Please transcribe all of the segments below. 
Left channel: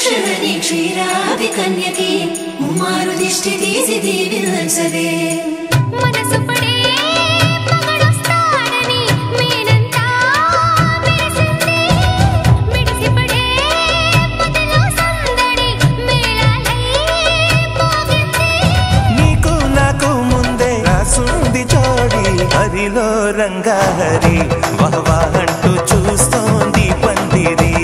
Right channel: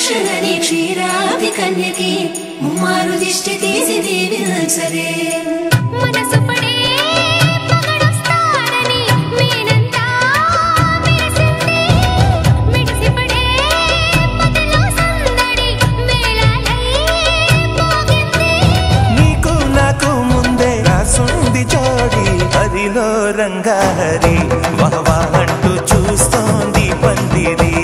क्षरणी क्षीरादि कन्यकी मुम्मारुदिष्टि दीदि दीदि नंसरे मनसु पडे मगडोस्ताडनी मेनंता मेरिसिंदी मिडिसि पडे मदिलो संदडी मेळालై మోగింది నీకు నాకు ముందే రాసుంది జోడి హరిలో రంగా హరి వహవా అంటూ చూస్తోంది పందిరి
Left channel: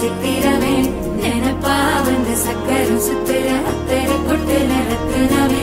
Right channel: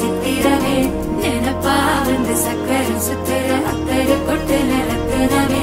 சித்திரவே நெனப்பா வந்து சக்கரம் சுத்துற அக்கறை கொட்டுல ரத்துனவே